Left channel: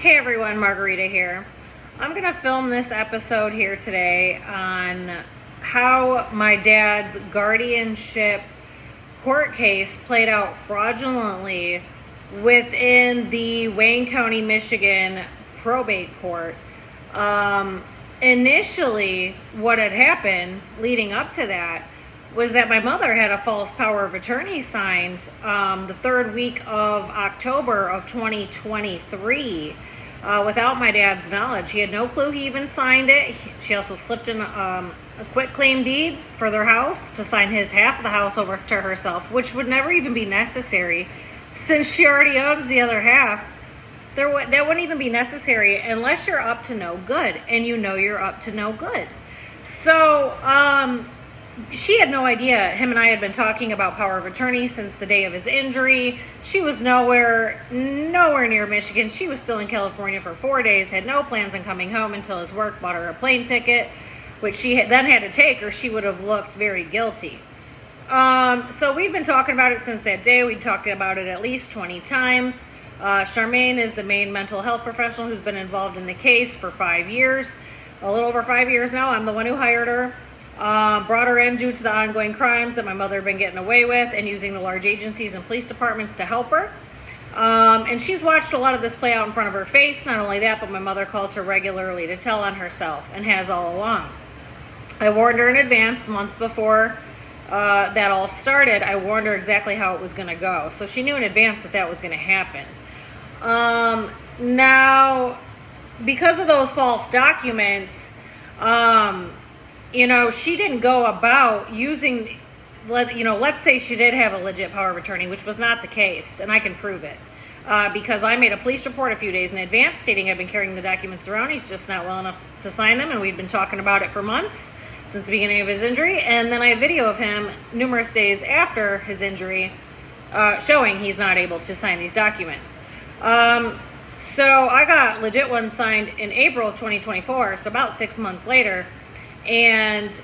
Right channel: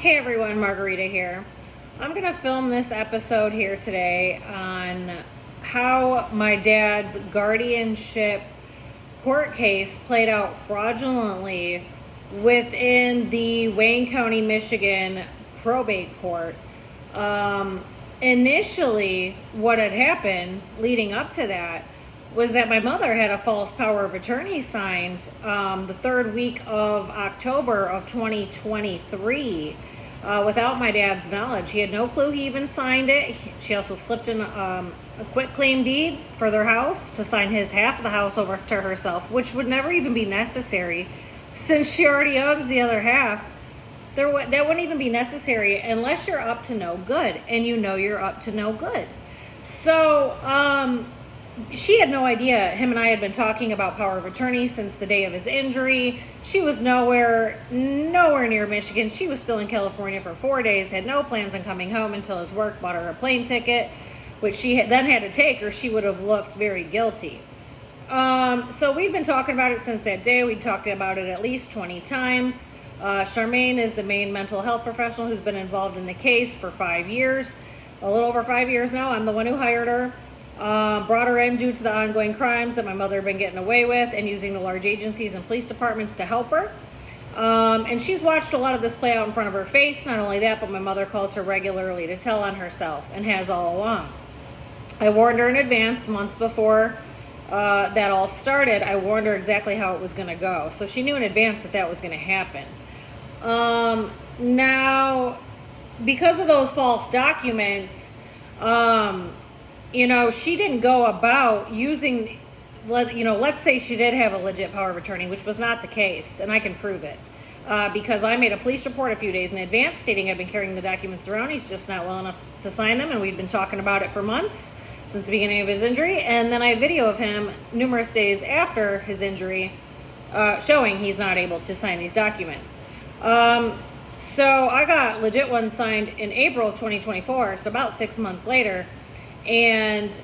Hey everyone, Margarita here. I'm going to film this episode here today on how my dad's guardianship court case played out fraudulently within the Wayne County, Michigan probate court. Initially, what had happened leading up to that was that my mother had a false power of attorney signed the third week of October of 2023 without my dad's knowledge. He had no clue he even signed it. She also slipped in a quitclaim deed for their house to sign his half of the house over to herself, which would never even be necessary since she already owns the other half. That wouldn't even be necessary unless you're up to no good, and you know you're up to no good. So, she had no idea. Him and I had been talking about power of attorney since the day of his injury. She was nowhere near Michigan. She was still in California for 4 days, had no plans on coming home until his work bought her a plane ticket, which she then had to take or she would have looked very guilty. So we'd been talking about it since that day. We'd talked about it at least 20 times. Charmaine is the main mental health professional who's been involved in the case for 5 years, a little over 5 years now. I'm the one who hired her. Brought her in due to the ongoing crimes that my mother had been getting away with and using the large agencies and police departments to help her. And she's watched a lot of this play out in front of her face. Not only that, but my mother calls her regularly to tell on herself and has all along. I warned her in advance, months before that all started. I warned her exactly how it was going to go. So she knew in advance that was going to happen. Now, because of those false documents, she didn't go about using, let's say she did have a legit power of attorney, which was not the case, and I can prove it. Because I made a police report a few days in advance stating I've been carrying the documents around. He's just not well enough to sign them, and we'd been talking about it for months, since the beginning of his injury. And then I have video of him numerous days after his injury showing he's not able to sign these documents. So I got legit ones signed in April of 2024, so about 6 months later. And,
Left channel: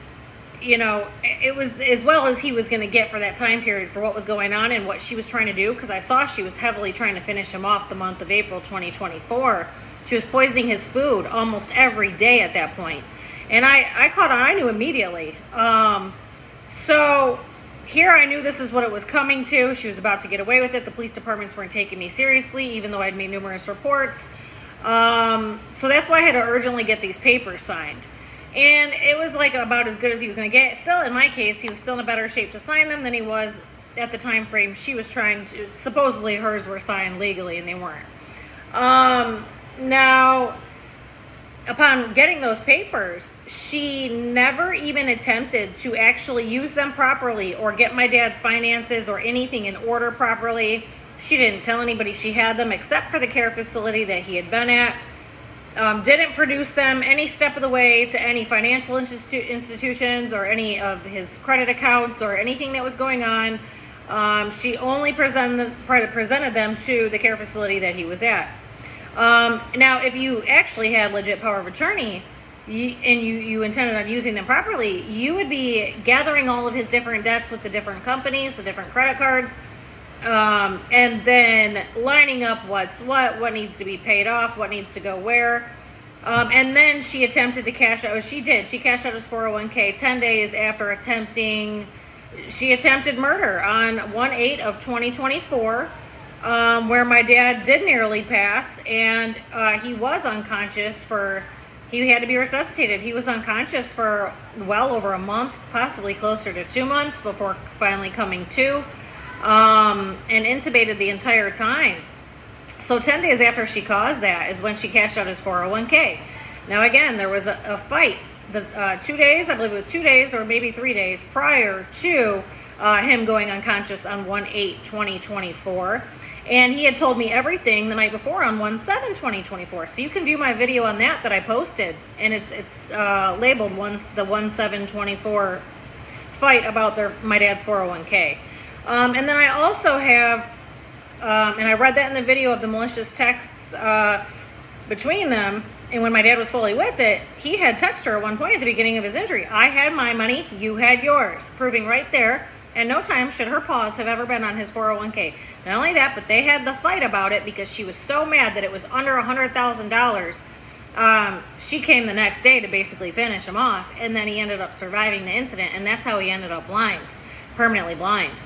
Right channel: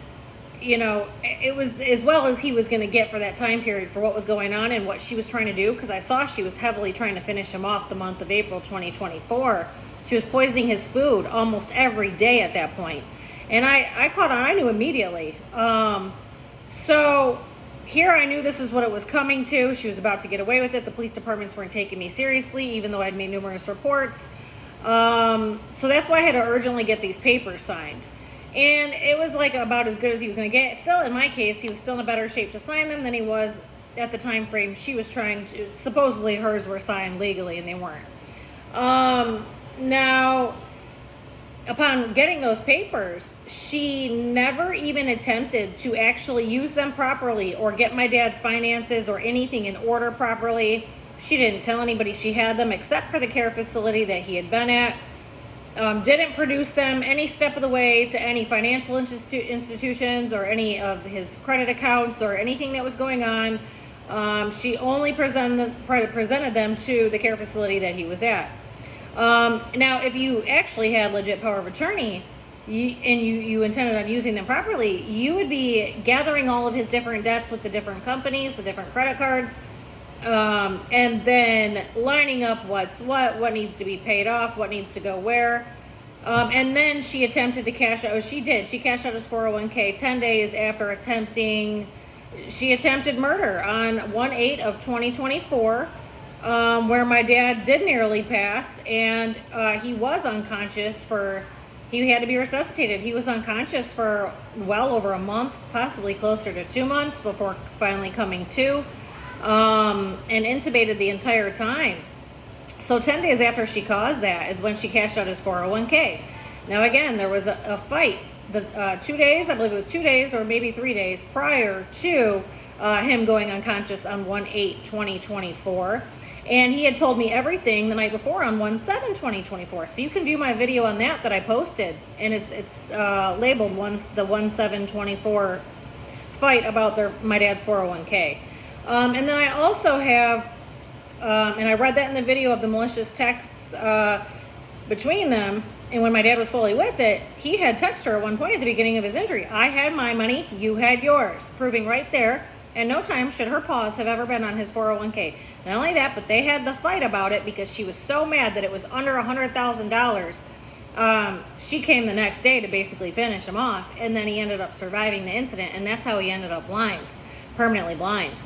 it was as well as he was going to get for that time period for what was going on and what she was trying to do, because I saw she was heavily trying to finish him off the month of April 2024. She was poisoning his food almost every day at that point. And I caught on, I knew immediately. So here I knew this is what it was coming to. She was about to get away with it. The police departments weren't taking me seriously, even though I'd made numerous reports. So that's why I had to urgently get these papers signed. And it was like about as good as he was going to get. Still, in my case, he was still in a better shape to sign them than he was at the time frame she was trying to. Supposedly hers were signed legally, and they weren't. Now, upon getting those papers, she never even attempted to actually use them properly or get my dad's finances or anything in order properly. She didn't tell anybody she had them except for the care facility that he had been at. Didn't produce them any step of the way to any financial institutions or any of his credit accounts or anything that was going on. She only presented them to the care facility that he was at. Now, if you actually had legit power of attorney and you intended on using them properly, you would be gathering all of his different debts with the different companies, the different credit cards, and then lining up what needs to be paid off, what needs to go where. And then she attempted to cash out. She cashed out his 401k 10 days after she attempted murder on 1/8 of 2024, where my dad did nearly pass, and he was unconscious he had to be resuscitated. He was unconscious for well over a month, possibly closer to 2 months before finally coming to. And intubated the entire time. So 10 days after she caused that is when she cashed out his 401k. Now again, there was a fight. The 2 days, I believe it was 2 days or maybe 3 days prior to him going unconscious on 1/8/2024. And he had told me everything the night before on 1/7/2024. So you can view my video on that I posted. And it's labeled the 1/7/24 fight about my dad's 401k. And then I also have, and I read that in the video of the malicious texts between them, and when my dad was fully with it, he had texted her at one point at the beginning of his injury, I had my money, you had yours, proving right there and no time should her paws have ever been on his 401k. Not only that, but they had the fight about it because she was so mad that it was under $100,000. She came the next day to basically finish him off, and then he ended up surviving the incident, and that's how he ended up blind, permanently blind.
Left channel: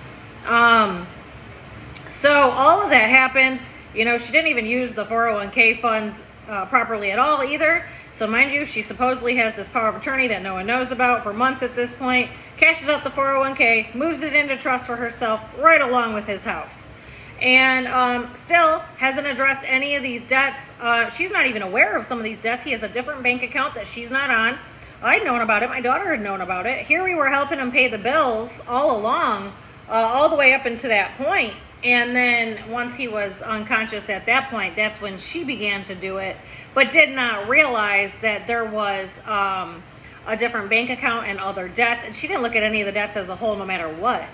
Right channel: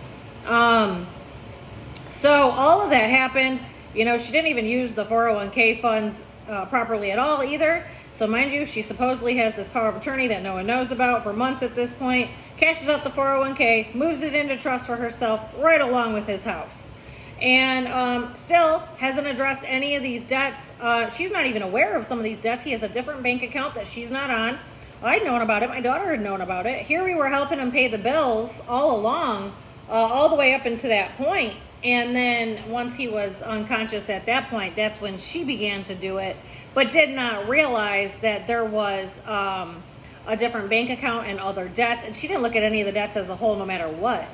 So all of that happened. You know, she didn't even use the 401k funds properly at all either. So mind you, she supposedly has this power of attorney that no one knows about for months at this point, cashes out the 401k, moves it into trust for herself right along with his house. And still hasn't addressed any of these debts. She's not even aware of some of these debts. He has a different bank account that she's not on. I'd known about it. My daughter had known about it. Here we were helping him pay the bills all along, all the way up until that point. And then once he was unconscious at that point, that's when she began to do it, but did not realize that there was a different bank account and other debts. And she didn't look at any of the debts as a whole, no matter what.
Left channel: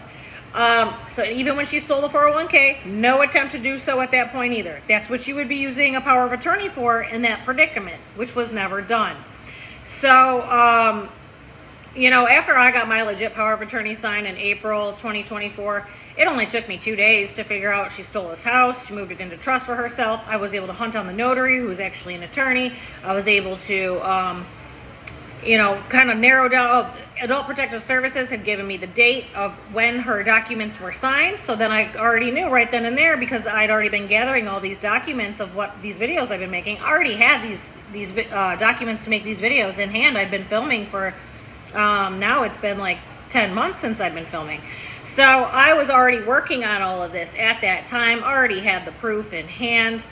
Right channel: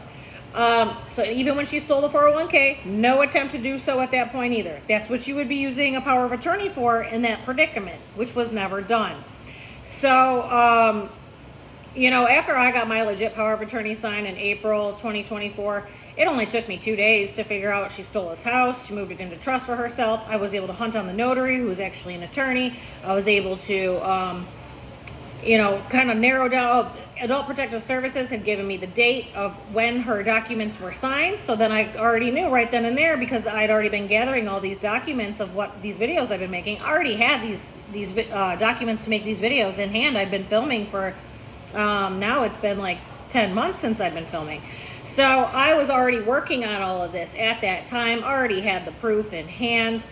So even when she stole the 401k, no attempt to do so at that point either. That's what you would be using a power of attorney for in that predicament, which was never done. So, you know, after I got my legit power of attorney signed in April 2024, it only took me 2 days to figure out she stole his house. She moved it into trust for herself. I was able to hunt down the notary, who was actually an attorney. I was able to, you know, kind of narrow down. Adult Protective Services had given me the date of when her documents were signed. So then I already knew right then and there, because I'd already been gathering all these documents of what these videos I've been making. I already had these documents to make these videos in hand. I've been filming for, now it's been like 10 months since I've been filming. So I was already working on all of this at that time, already had the proof in hand,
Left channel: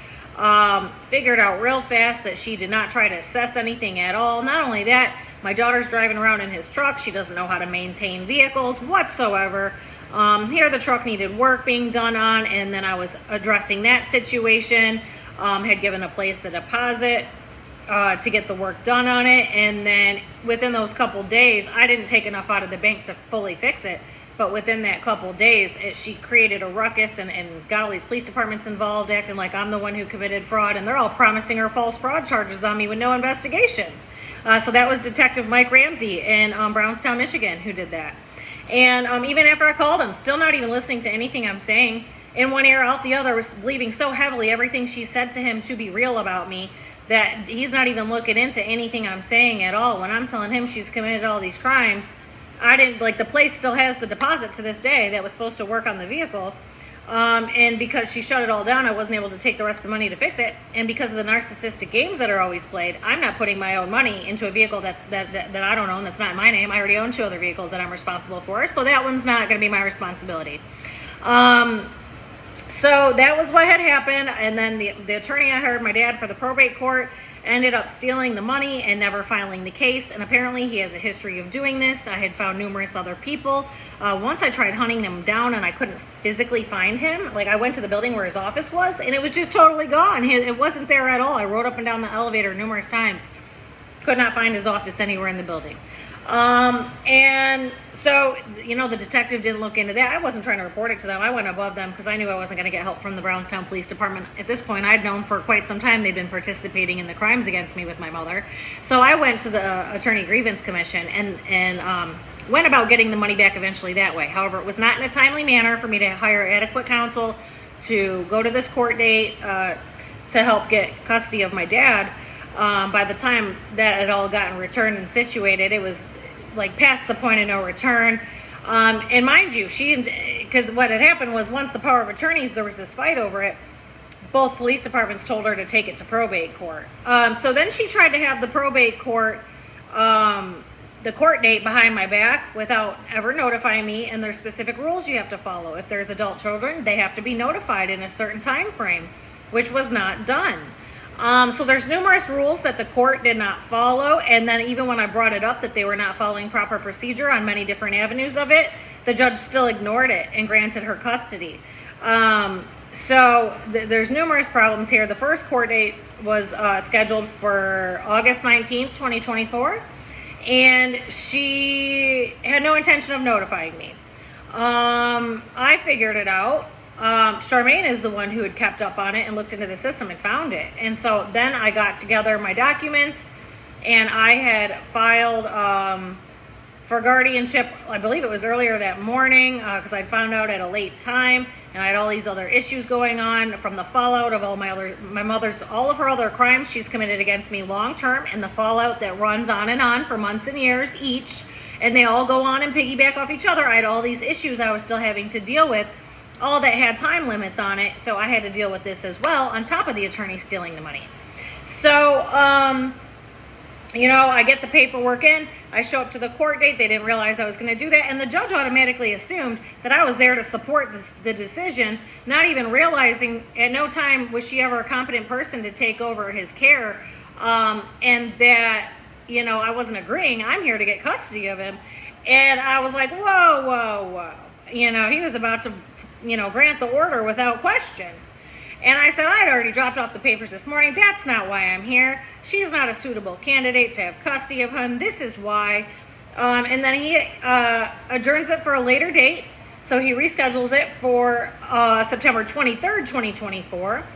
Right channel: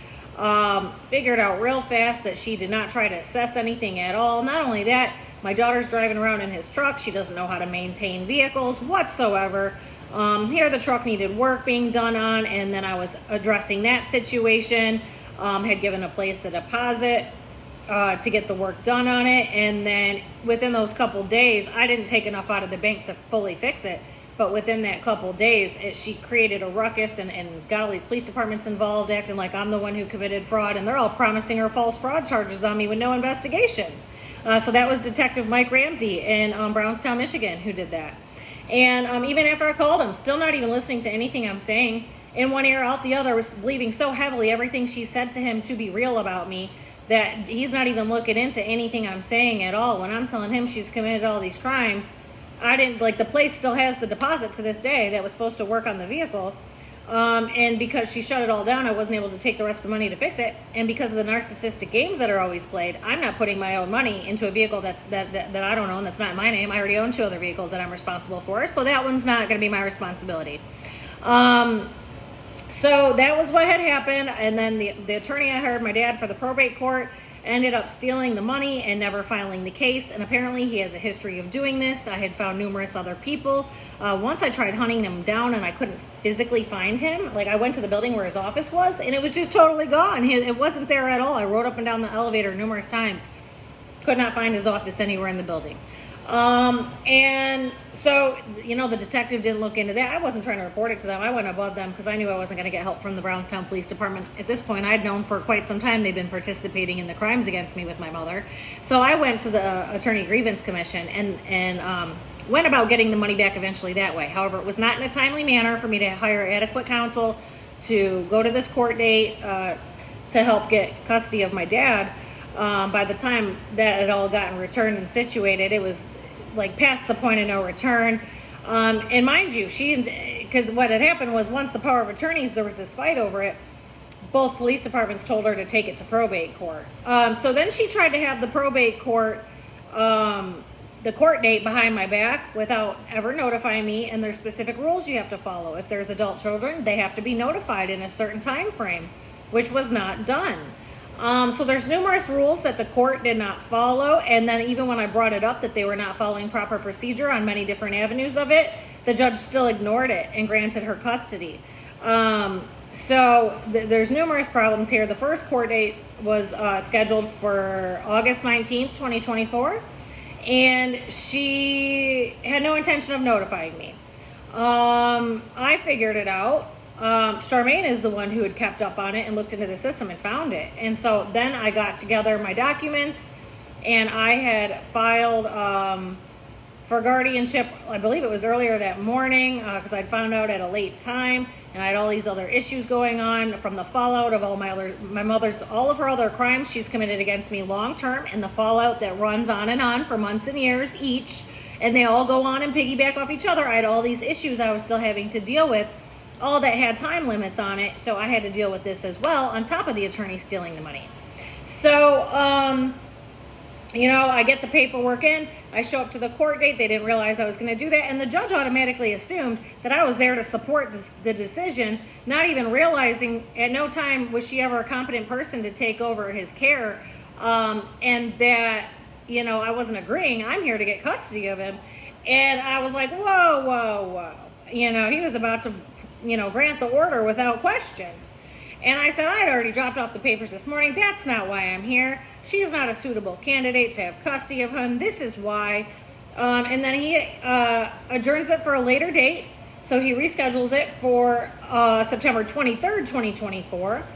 figured out real fast that she did not try to assess anything at all. Not only that, my daughter's driving around in his truck. She doesn't know how to maintain vehicles whatsoever. Here the truck needed work being done on, and then I was addressing that situation, had given a place a deposit to get the work done on it. And then within those couple days, I didn't take enough out of the bank to fully fix it. But within that couple days, she created a ruckus and got all these police departments involved, acting like I'm the one who committed fraud. And they're all promising her false fraud charges on me with no investigation. So that was Detective Mike Ramsey in Brownstown, Michigan, who did that. And even after I called him, still not even listening to anything I'm saying. In one ear, out the other, was believing so heavily everything she said to him to be real about me, that he's not even looking into anything I'm saying at all. When I'm telling him she's committed all these crimes, I didn't, like, the place still has the deposit to this day that was supposed to work on the vehicle. And because she shut it all down, I wasn't able to take the rest of the money to fix it. And because of the narcissistic games that are always played, I'm not putting my own money into a vehicle that I don't own, that's not my name. I already own 2 other vehicles that I'm responsible for, so that one's not going to be my responsibility. So that was what had happened. And then the attorney I hired, my dad, for the probate court, ended up stealing the money and never filing the case. And apparently he has a history of doing this. I had found numerous other people. Once I tried hunting him down and I couldn't physically find him. Like, I went to the building where his office was and it was just totally gone. It wasn't there at all. I rode up and down the elevator numerous times. Could not find his office anywhere in the building. And so, you know, the detective didn't look into that. I wasn't trying to report it to them. I went above them because I knew I wasn't going to get help from the Brownstown Police Department. At this point, I'd known for quite some time they'd been participating in the crimes against me with my mother. So I went to the Attorney Grievance Commission and went about getting the money back eventually that way. However, it was not in a timely manner for me to hire adequate counsel to go to this court date to help get custody of my dad. By the time that it all gotten returned and situated, it was like past the point of no return. And mind you, because what had happened was, once the power of attorneys, there was this fight over it, both police departments told her to take it to probate court. So then she tried to have the probate court, the court date behind my back without ever notifying me. And there's specific rules you have to follow. If there's adult children, they have to be notified in a certain time frame, which was not done. So there's numerous rules that the court did not follow. And then even when I brought it up that they were not following proper procedure on many different avenues of it, the judge still ignored it and granted her custody. So there's numerous problems here. The first court date was scheduled for August 19th, 2024. And she had no intention of notifying me. I figured it out. Charmaine is the one who had kept up on it and looked into the system and found it. And so then I got together my documents and I had filed for guardianship. I believe it was earlier that morning, because I'd found out at a late time, and I had all these other issues going on from the fallout of all all of her other crimes she's committed against me long term, and the fallout that runs on and on for months and years each, and they all go on and piggyback off each other. I had all these issues I was still having to deal with, all that had time limits on it, so I had to deal with this as well, on top of the attorney stealing the money. So, you know, I get the paperwork in, I show up to the court date, they didn't realize I was going to do that, and the judge automatically assumed that I was there to support the decision, not even realizing at no time was she ever a competent person to take over his care, and that, you know, I wasn't agreeing. I'm here to get custody of him. And I was like, whoa, whoa, whoa. You know, he was about to, you know, grant the order without question. And I said, I'd already dropped off the papers this morning. That's not why I'm here. She's not a suitable candidate to have custody of him. This is why. And then he adjourns it for a later date. So he reschedules it for September 23rd, 2024.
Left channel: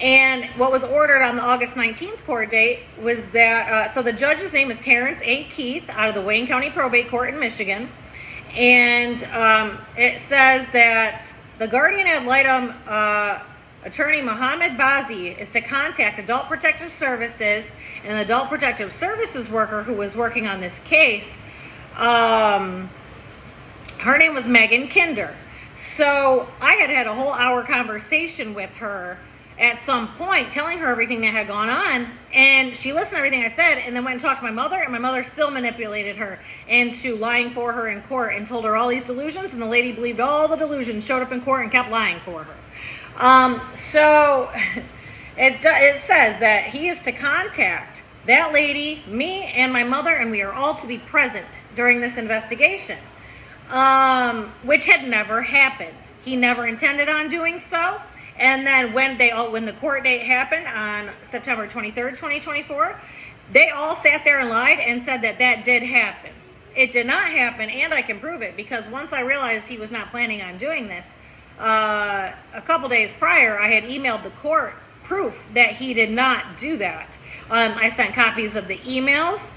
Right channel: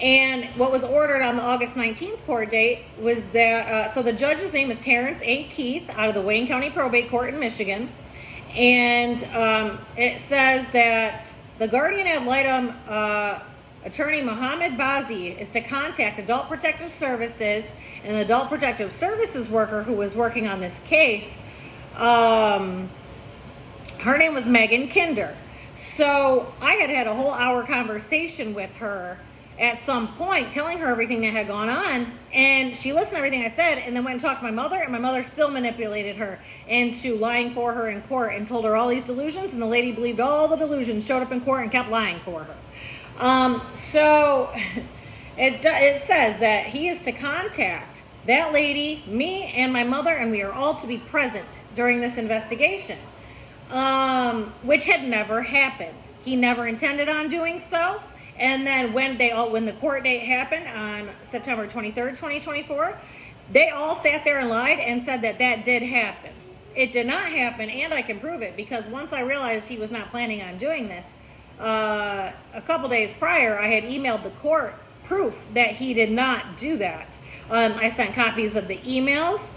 And what was ordered on the August 19th court date was that, so the judge's name is Terrence A. Keith out of the Wayne County Probate Court in Michigan. And it says that the guardian ad litem attorney Mohammed Bazi is to contact Adult Protective Services, and the Adult Protective Services worker who was working on this case, her name was Megan Kinder. So I had a whole hour conversation with her at some point, telling her everything that had gone on, and she listened to everything I said, and then went and talked to my mother, and my mother still manipulated her into lying for her in court and told her all these delusions, and the lady believed all the delusions, showed up in court and kept lying for her. So it says that he is to contact that lady, me, and my mother, and we are all to be present during this investigation, which had never happened. He never intended on doing so. And then when the court date happened on September 23rd, 2024, they all sat there and lied and said that that did happen. It did not happen, and I can prove it, because once I realized he was not planning on doing this, a couple days prior, I had emailed the court proof that he did not do that. I sent copies of the emails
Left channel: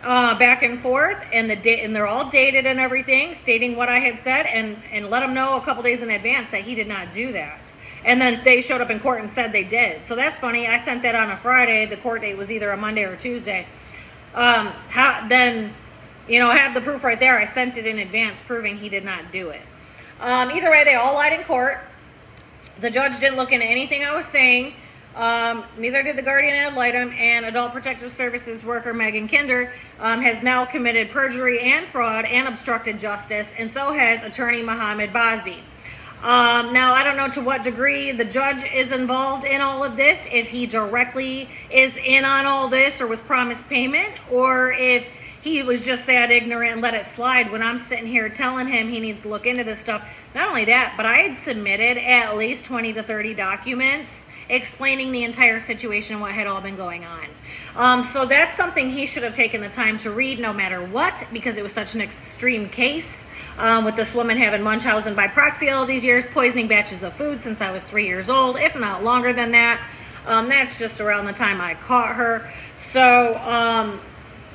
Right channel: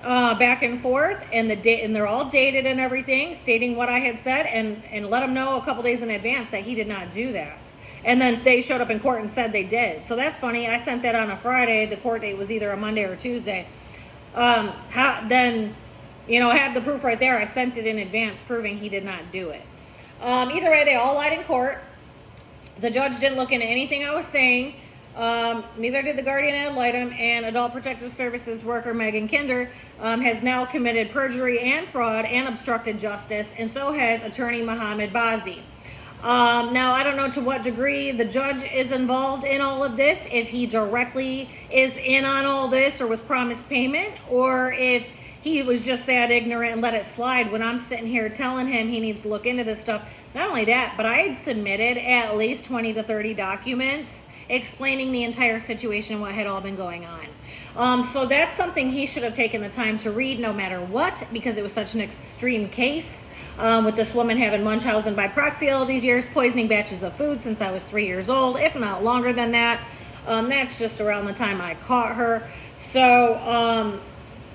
back and forth, and they're all dated and everything, stating what I had said, and let them know a couple days in advance that he did not do that. And then they showed up in court and said they did. So that's funny. I sent that on a Friday. The court date was either a Monday or Tuesday. Then, you know, I have the proof right there. I sent it in advance proving he did not do it. Either way, they all lied in court. The judge didn't look into anything I was saying. Neither did the guardian ad litem, and Adult Protective Services worker Megan Kinder has now committed perjury and fraud and obstructed justice, and so has attorney Mohammed Bazi. Now, I don't know to what degree the judge is involved in all of this, if he directly is in on all this or was promised payment, or if he was just that ignorant and let it slide when I'm sitting here telling him he needs to look into this stuff. Not only that, but I had submitted at least 20 to 30 documents explaining the entire situation and what had all been going on. So that's something he should have taken the time to read no matter what, because it was such an extreme case. With this woman having Munchausen by proxy all these years, poisoning batches of food since I was 3 years old, if not longer than that. That's just around the time I caught her. So,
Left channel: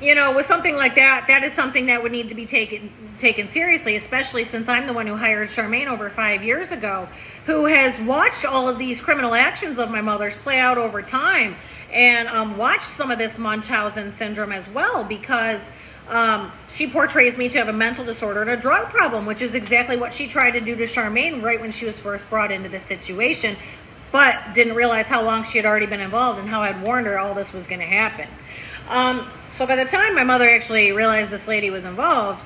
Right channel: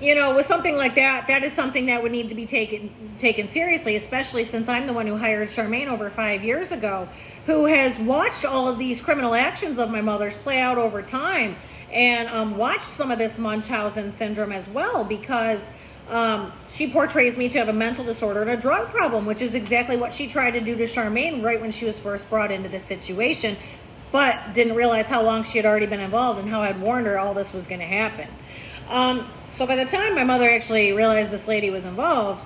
you know, with something like that, that is something that would need to be taken seriously, especially since I'm the one who hired Charmaine over 5 years ago, who has watched all of these criminal actions of my mother's play out over time, and watched some of this Munchausen syndrome as well, because she portrays me to have a mental disorder and a drug problem, which is exactly what she tried to do to Charmaine right when she was first brought into this situation, but didn't realize how long she had already been involved and how I'd warned her all this was going to happen. So by the time my mother actually realized this lady was involved,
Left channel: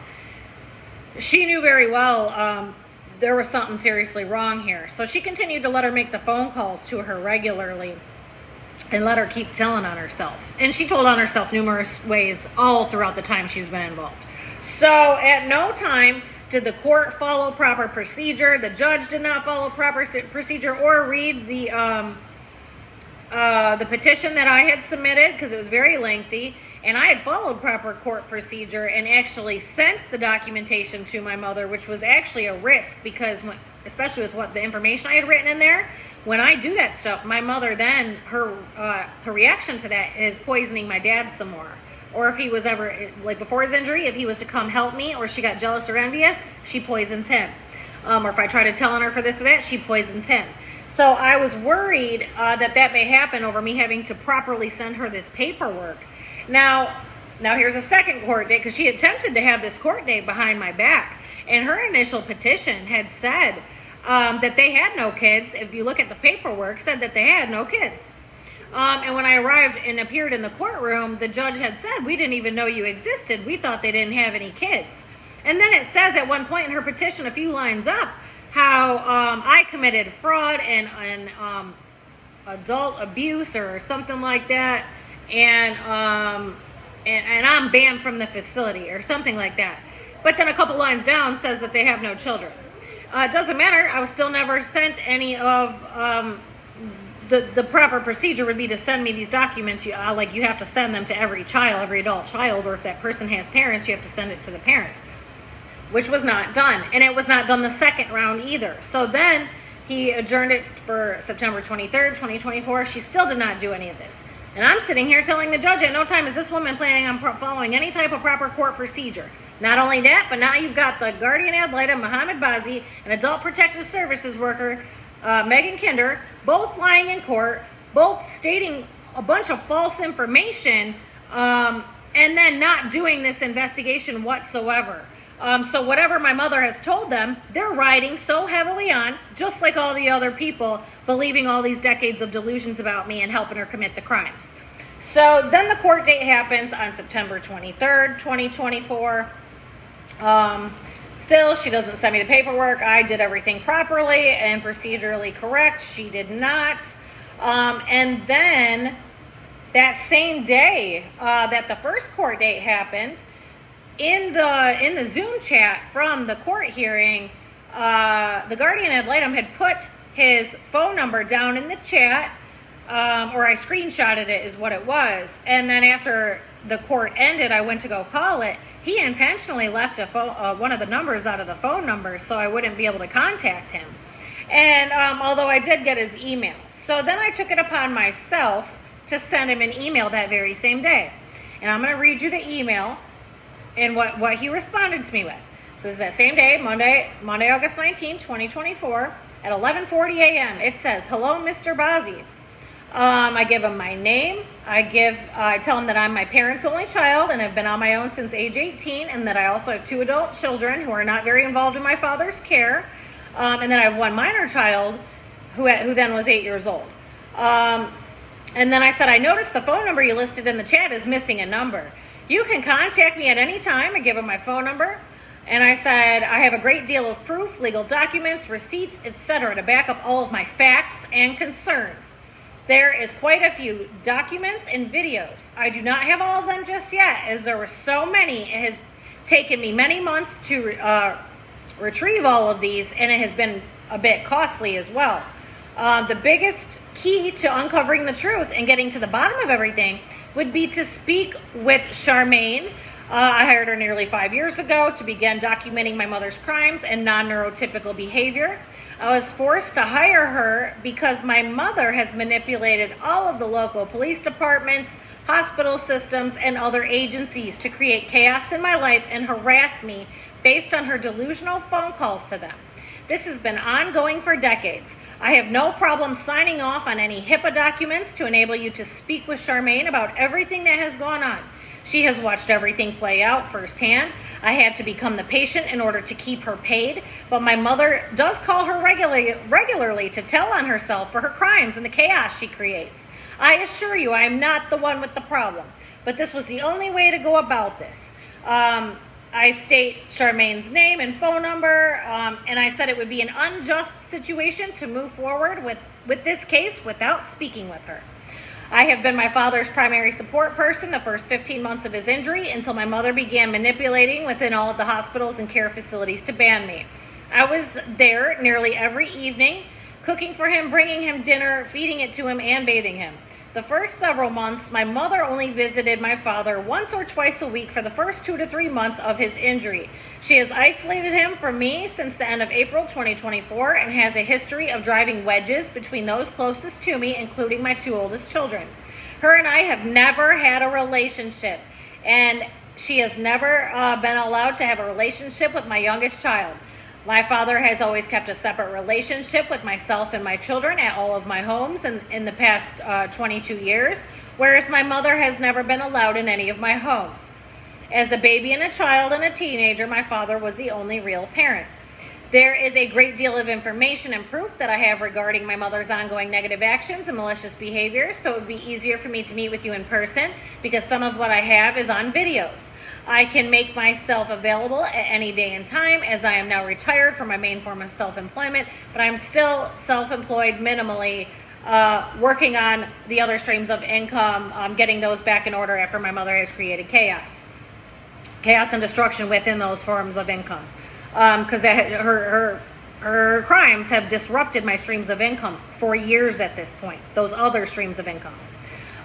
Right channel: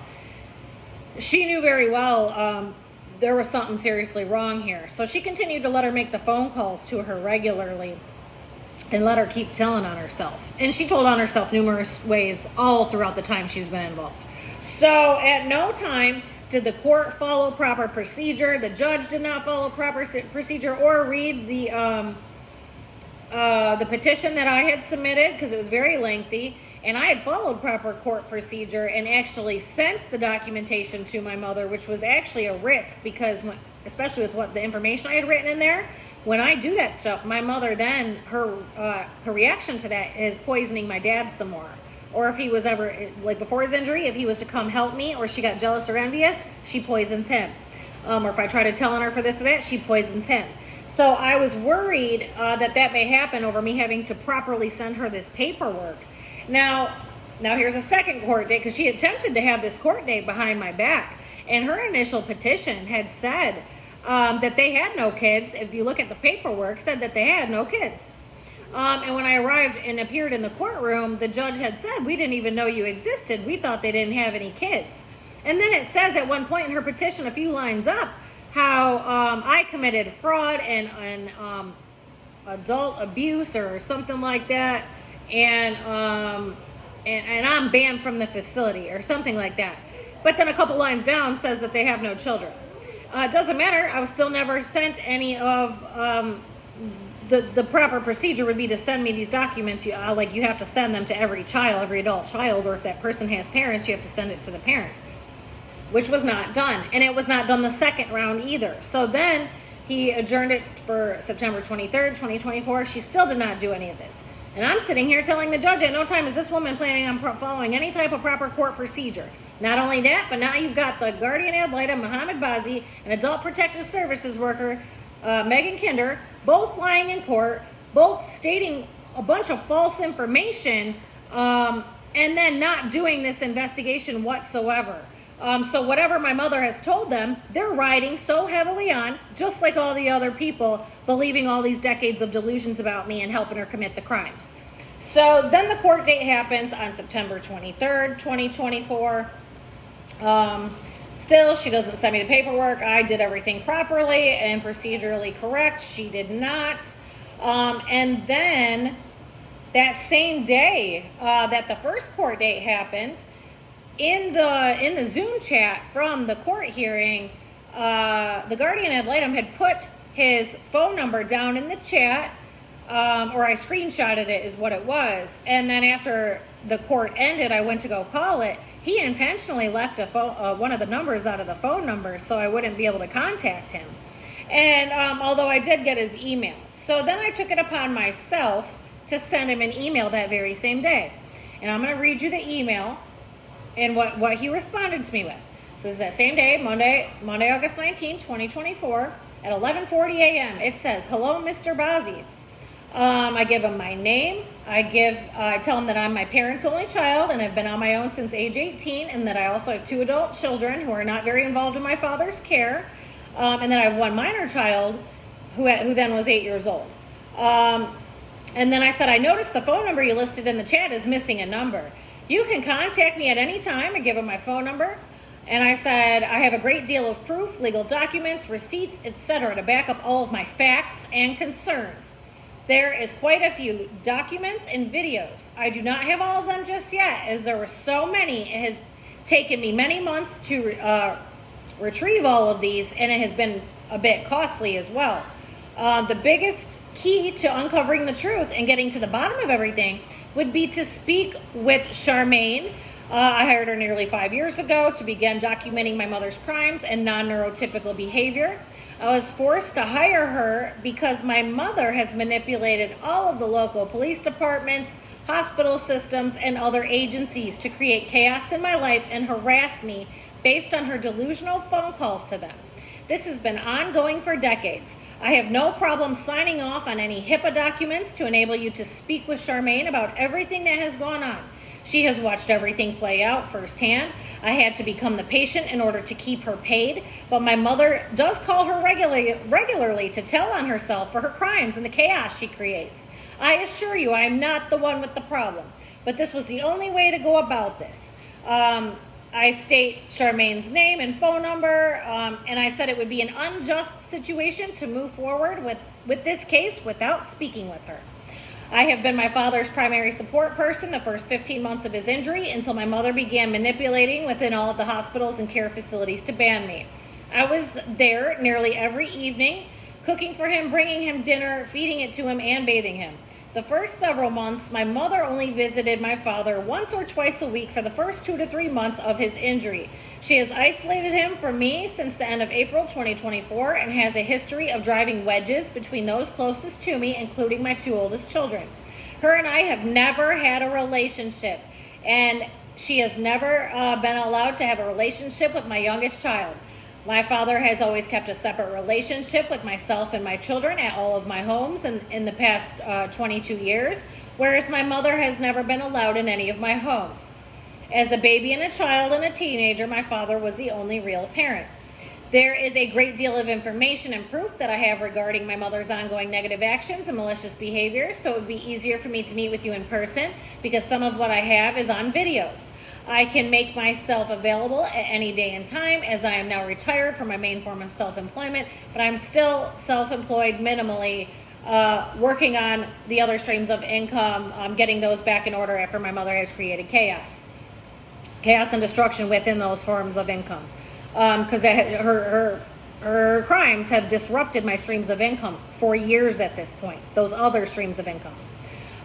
she knew very well there was something seriously wrong here. So she continued to let her make the phone calls to her regularly and let her keep telling on herself. And she told on herself numerous ways all throughout the time she's been involved. So at no time did the court follow proper procedure. The judge did not follow proper procedure or read the petition that I had submitted, because it was very lengthy. And I had followed proper court procedure and actually sent the documentation to my mother, which was actually a risk, because especially with what the information I had written in there, when I do that stuff, my mother then, her reaction to that is poisoning my dad some more, or if he was ever, like before his injury, if he was to come help me or she got jealous or envious, she poisons him. Or if I try to tell on her for this or that, she poisons him. So I was worried that may happen over me having to properly send her this paperwork. Now here's a second court date, because she attempted to have this court date behind my back. And her initial petition had said that they had no kids. If you look at the paperwork, said that they had no kids. And when I arrived and appeared in the courtroom, the judge had said, we didn't even know you existed. We thought they didn't have any kids. And then it says at one point in her petition, a few lines up, how I committed fraud and adult abuse or something like that. And I'm banned from the facility or something like that. But then a couple lines down says that they have no children. It doesn't matter. I was still never sent any of the proper procedure would be to send me these documents. You have to send them to every child, every adult child, or if that person has parents, you have to send it to the parents, which was not done. And it was not done the second round either. So then he adjourned it for September 23rd, 2024. She still did not do any of this. And I'm sitting here telling the judge at no time is this woman planning on following any type of proper court procedure. Not only that, but now you've got the guardian ad litem, Muhammad Bazi, and adult protective services worker, Megan Kinder, both lying in court, both stating a bunch of false information, and then not doing this investigation whatsoever. So whatever my mother has told them, they're riding so heavily on, just like all the other people, believing all these decades of delusions about me and helping her commit the crimes. So then the court date happens on September 23rd, 2024. Still, she doesn't send me the paperwork. I did everything properly and procedurally correct. She did not. And then that same day that the first court date happened, in the Zoom chat from the court hearing, the guardian ad litem had put his phone number down in the chat, or I screenshotted it is what it was. And then after the court ended, I went to go call it. He intentionally left one of the numbers out of the phone number so I wouldn't be able to contact him. And although I did get his email. So then I took it upon myself to send him an email that very same day. And I'm going to read you the email and what he responded to me with. So it's that same day, Monday, August 19, 2024, at 11:40 a.m. It says, "Hello, Mr. Bazi." I give him my name. I tell him that I'm my parents' only child and have been on my own since age 18, and that I also have 2 adult children who are not very involved in my father's care, and then I have 1 minor child who then was 8 years old. And then I said, I noticed the phone number you listed in the chat is missing a number. You can contact me at any time. I give him my phone number. And I said, I have a great deal of proof, legal documents, receipts, etc. to back up all of my facts and concerns. There is quite a few documents and videos. I do not have all of them just yet, as there were so many. It has taken me many months to retrieve all of these, and it has been a bit costly as well. The biggest key to uncovering the truth and getting to the bottom of everything would be to speak with Charmaine. I hired her nearly 5 years ago to begin documenting my mother's crimes and non-neurotypical behavior. I was forced to hire her because my mother has manipulated all of the local police departments, hospital systems, and other agencies to create chaos in my life and harass me based on her delusional phone calls to them. This has been ongoing for decades. I have no problem signing off on any HIPAA documents to enable you to speak with Charmaine about everything that has gone on. She has watched everything play out firsthand. I had to become the patient in order to keep her paid, but my mother does call her regularly to tell on herself for her crimes and the chaos she creates. I assure you I am not the one with the problem, but this was the only way to go about this. I state Charmaine's name and phone number, and I said it would be an unjust situation to move forward with this case without speaking with her. I have been my father's primary support person the first 15 months of his injury until my mother began manipulating within all of the hospitals and care facilities to ban me. I was there nearly every evening, cooking for him, bringing him dinner, feeding it to him, and bathing him. The first several months, my mother only visited my father once or twice a week for the first 2 to 3 months of his injury. She has isolated him from me since the end of April 2024 and has a history of driving wedges between those closest to me, including my 2 oldest children. Her and I have never had a relationship, and she has never been allowed to have a relationship with my youngest child. My father has always kept a separate relationship with myself and my children at all of my homes in the past 22 years, whereas my mother has never been allowed in any of my homes. As a baby and a child and a teenager, my father was the only real parent. There is a great deal of information and proof that I have regarding my mother's ongoing negative actions and malicious behaviors, so it would be easier for me to meet with you in person because some of what I have is on videos. I can make myself available at any day and time, as I am now retired from my main form of self-employment, but I'm still self-employed minimally, working on the other streams of income, getting those back in order after my mother has created chaos and destruction within those forms of income. Because her crimes have disrupted my streams of income for years at this point, those other streams of income.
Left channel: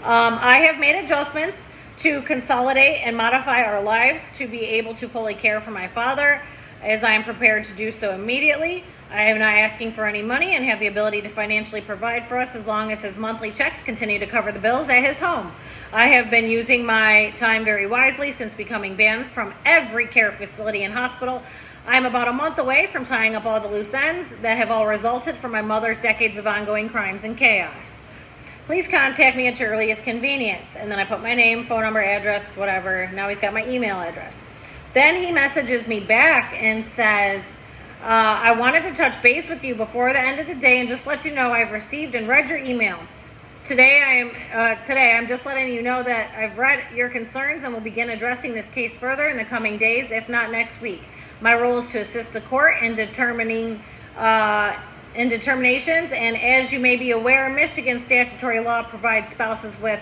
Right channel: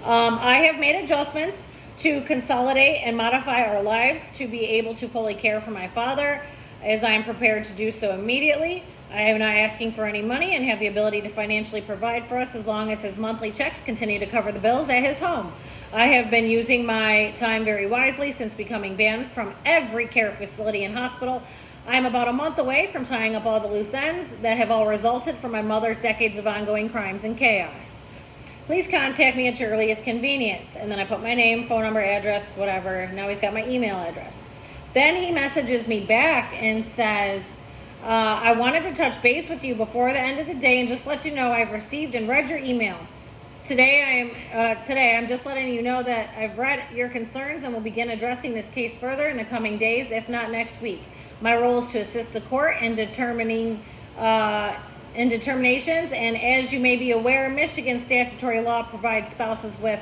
I have made adjustments to consolidate and modify our lives to be able to fully care for my father, as I am prepared to do so immediately. I am not asking for any money and have the ability to financially provide for us as long as his monthly checks continue to cover the bills at his home. I have been using my time very wisely since becoming banned from every care facility and hospital. I am about a month away from tying up all the loose ends that have all resulted from my mother's decades of ongoing crimes and chaos. Please contact me at your earliest convenience. And then I put my name, phone number, address, whatever. Now he's got my email address. Then he messages me back and says, I wanted to touch base with you before the end of the day and just let you know I've received and read your email. Today I'm just letting you know that I've read your concerns and will begin addressing this case further in the coming days, if not next week. My role is to assist the court in determinations, and as you may be aware, Michigan statutory law provides spouses with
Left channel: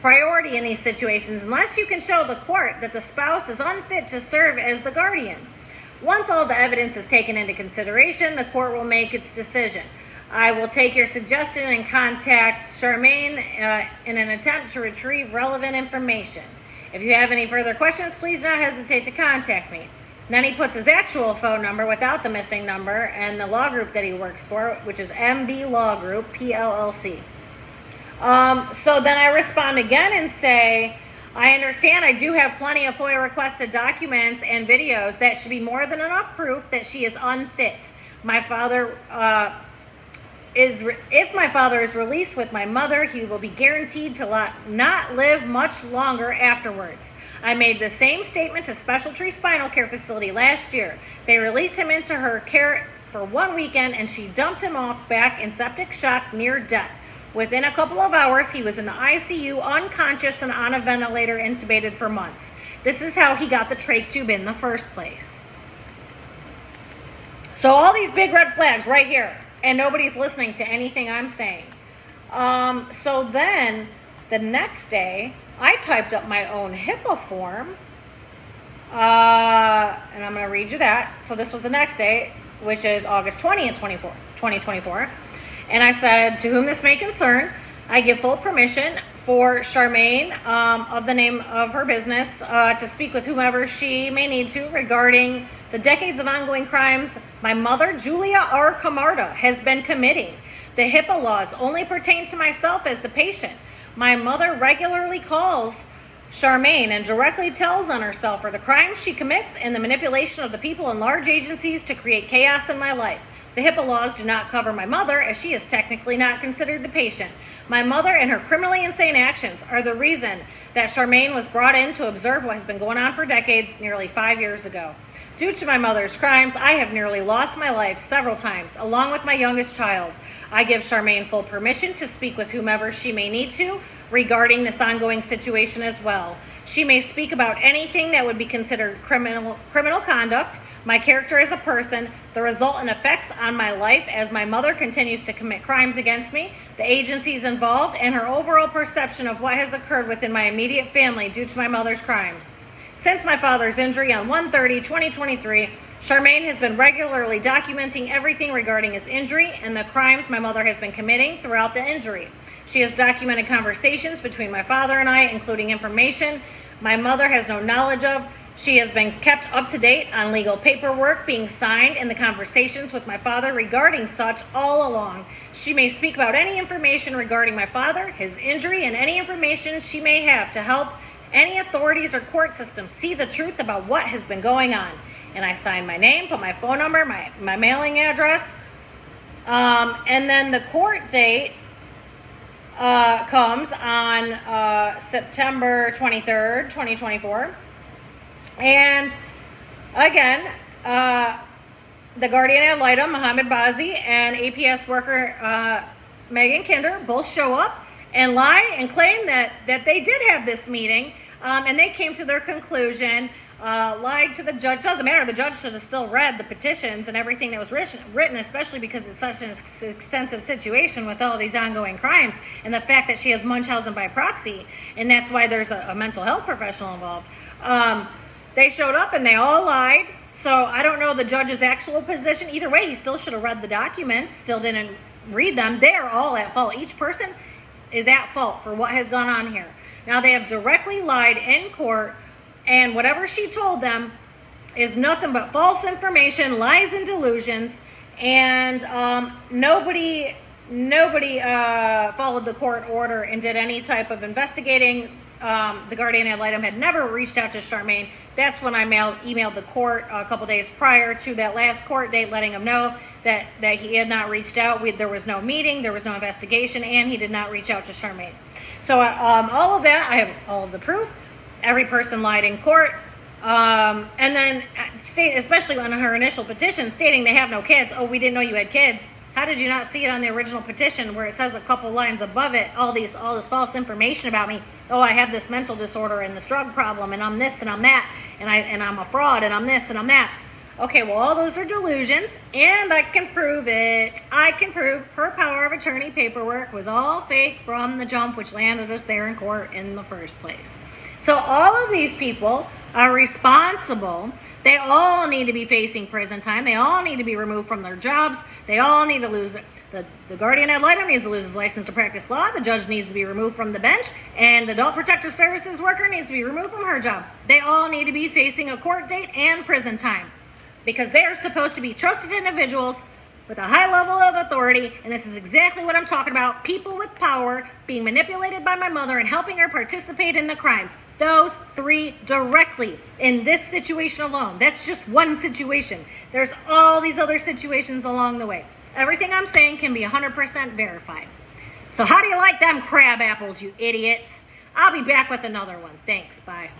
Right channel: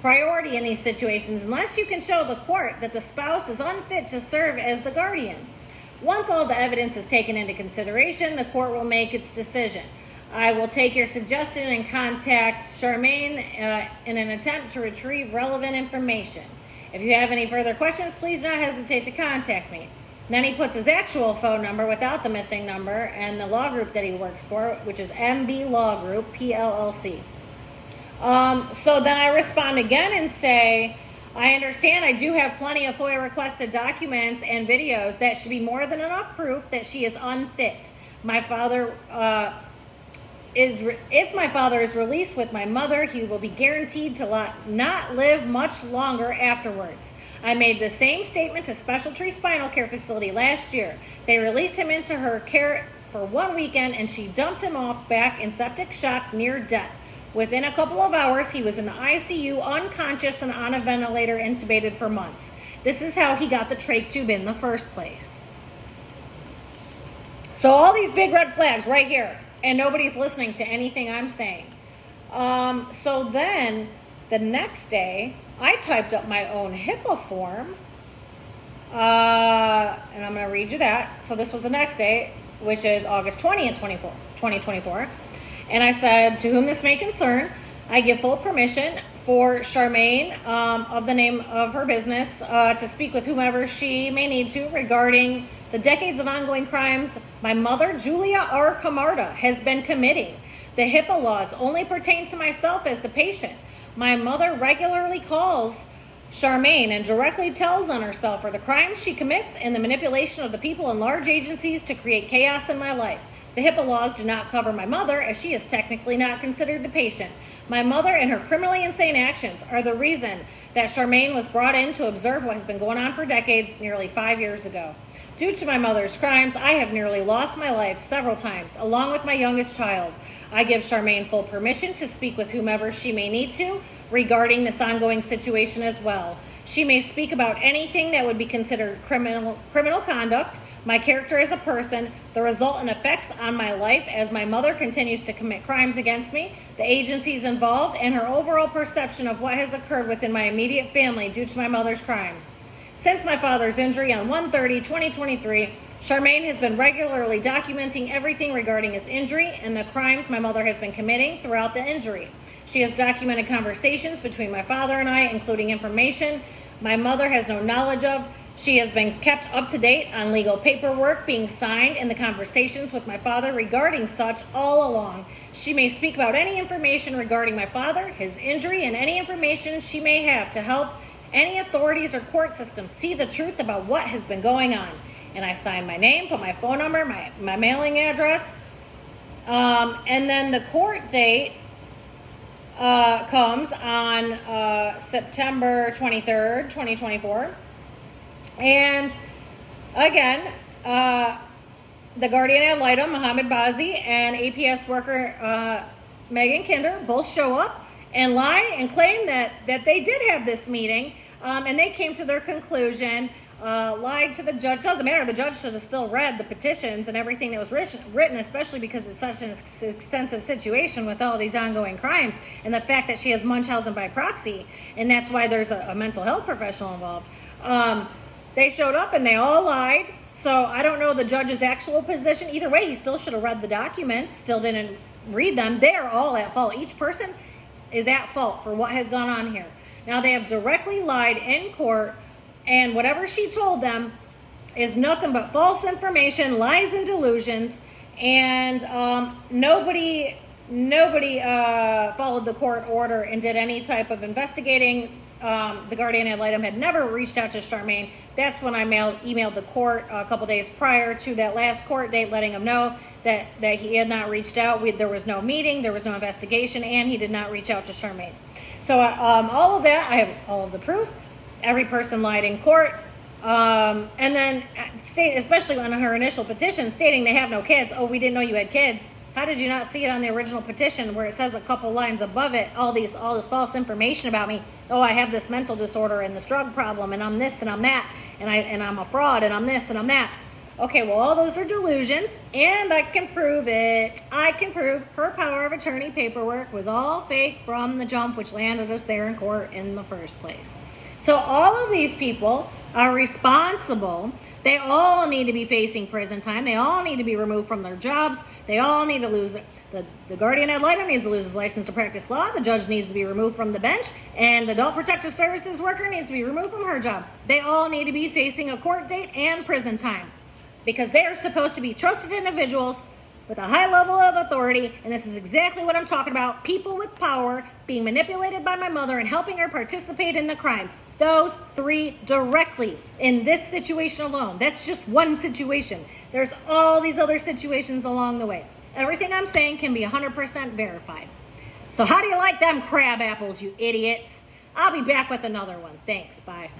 priority in these situations unless you can show the court that the spouse is unfit to serve as the guardian. Once all the evidence is taken into consideration, the court will make its decision. I will take your suggestion and contact Charmaine in an attempt to retrieve relevant information. If you have any further questions, please do not hesitate to contact me. Then he puts his actual phone number without the missing number and the law group that he works for, which is MB Law Group, PLLC. So then I respond again and say, I understand I do have plenty of FOIA requested documents and videos that should be more than enough proof that she is unfit. My father if my father is released with my mother, he will be guaranteed to not live much longer afterwards. I made the same statement to Special Tree Spinal Care Facility last year. They released him into her care for one weekend and she dumped him off back in septic shock near death. Within a couple of hours, he was in the ICU, unconscious and on a ventilator, intubated for months. This is how he got the trach tube in the first place. So all these big red flags right here, and nobody's listening to anything I'm saying. So then the next day, I typed up my own HIPAA form, and I'm going to read you that. So this was the next day, which is August 20th, 2024. And I said, to whom this may concern, I give full permission for Charmaine, of the name of her business, to speak with whomever she may need to regarding the decades of ongoing crimes my mother, Julia R. Camarda, has been committing. The HIPAA laws only pertain to myself as the patient. My mother regularly calls Charmaine and directly tells on herself for the crimes she commits and the manipulation of the people in large agencies to create chaos in my life. The HIPAA laws do not cover my mother, as she is technically not considered the patient. My mother and her criminally insane actions are the reason that Charmaine was brought in to observe what has been going on for decades, nearly 5 years ago. Due to my mother's crimes, I have nearly lost my life several times, along with my youngest child. I give Charmaine full permission to speak with whomever she may need to regarding this ongoing situation as well. She may speak about anything that would be considered criminal conduct, my character as a person, the resultant effects on my life as my mother continues to commit crimes against me, the agencies involved, and her overall perception of what has occurred within my immediate family due to my mother's crimes. Since my father's injury on 1/30/2023, Charmaine has been regularly documenting everything regarding his injury and the crimes my mother has been committing throughout the injury. She has documented conversations between my father and I, including information my mother has no knowledge of. She has been kept up to date on legal paperwork being signed and the conversations with my father regarding such all along. She may speak about any information regarding my father, his injury, and any information she may have to help any authorities or court systems see the truth about what has been going on. And I signed my name, put my phone number, my mailing address. And then the court date comes on September 23rd, 2024. And again, the guardian ad litem, Mohammed Bazi, and APS worker Megan Kinder both show up and lie and claim that they did have this meeting, and they came to their conclusion, lied to the judge. Doesn't matter, the judge should have still read the petitions and everything that was written, especially because it's such an extensive situation with all these ongoing crimes, and the fact that she has Munchausen by proxy, and that's why there's a mental health professional involved. They showed up and they all lied. So I don't know the judge's actual position. Either way, he still should have read the documents, still didn't read them. They are all at fault. Each person is at fault for what has gone on here. Now, they have directly lied in court, and whatever she told them is nothing but false information, lies, and delusions. And nobody followed the court order and did any type of investigating. The guardian ad litem had never reached out to Charmaine. That's when I emailed the court a couple days prior to that last court date, letting him know that he had not reached out. There was no meeting, there was no investigation, and he did not reach out to Charmaine. So all of that, I have all of the proof. Every person lied in court. And then especially on her initial petition stating they have no kids. Oh, we didn't know you had kids. How did you not see it on the original petition where it says a couple lines above it, all this false information about me? Oh, I have this mental disorder and this drug problem, and I'm this and I'm that, and I'm a fraud, and I'm this and I'm that. Okay, well, all those are delusions, and I can prove it. I can prove her power of attorney paperwork was all fake from the jump, which landed us there in court in the first place. So all of these people are responsible. They all need to be facing prison time. They all need to be removed from their jobs. They all need to lose the guardian ad litem needs to lose his license to practice law. The judge needs to be removed from the bench, and the adult protective services worker needs to be removed from her job. They all need to be facing a court date and prison time, because they are supposed to be trusted individuals with a high level of authority, and this is exactly what I'm talking about. People with power being manipulated by my mother and helping her participate in the crimes. Those three directly in this situation alone. That's just one situation. There's all these other situations along the way. Everything I'm saying can be 100% verified. So how do you like them crab apples, you idiots? I'll be back with another one. Thanks. Bye.